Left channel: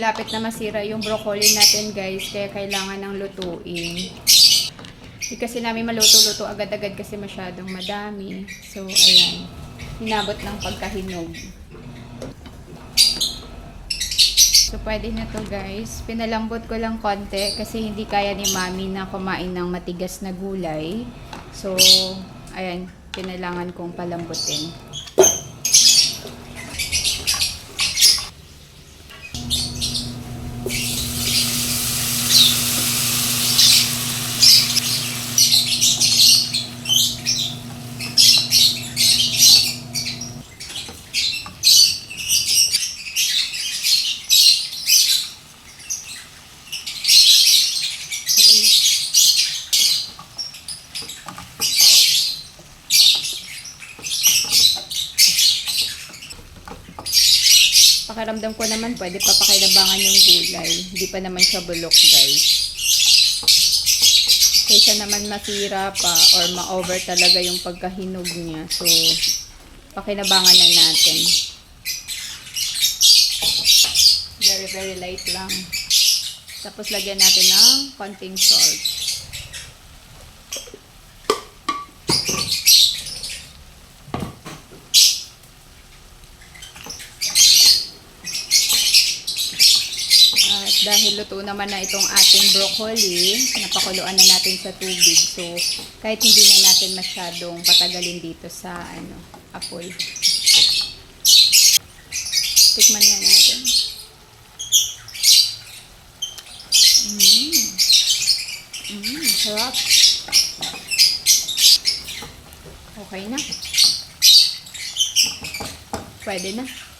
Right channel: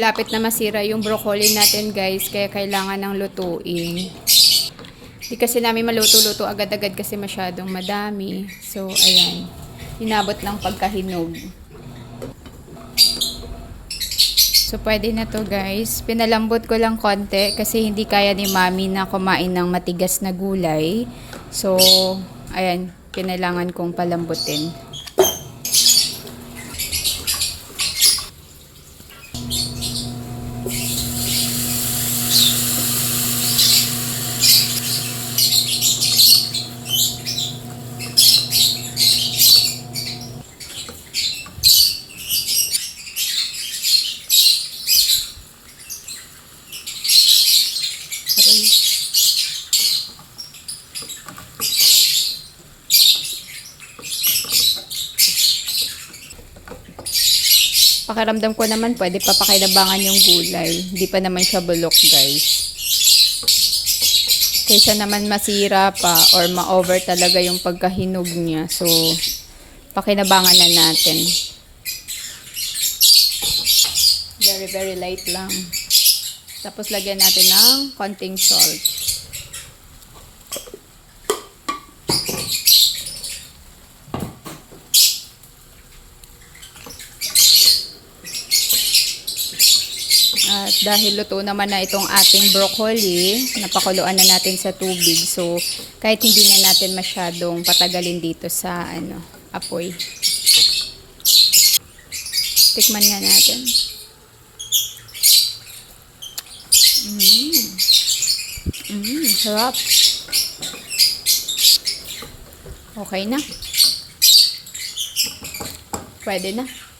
Lapit na masira yung broccoli natin guys, kaya kailangan ng lutuin. Hindi kasi namin maluto-luto agad-agad kasi masyadong madami. So, ayan. Hinabot ng pagkahinog. So, pwede na to guys. Pinalambot ko lang konti kasi hindi kaya ni mami na kumain ng matigas na gulay. So, ayan. Kailangan kong palambutin. Pakiramdam ko naman pwede pa pakilabangan yung gulay. Hindi pa naman siya bulok guys. Kaysa naman masira pa or ma-over talaga yung pagkahinog niya. So, pakinabangan na natin. Very, very light lang. Tapos lagyan natin ng konting salt. At dahil luto naman na itong ating broccoli, napakuluan na natin sa tubig. So, kahit hindi na natin masyadong patagalin dito sa apoy. Tikman nga natin. Sarap. Okay na. Pwede na.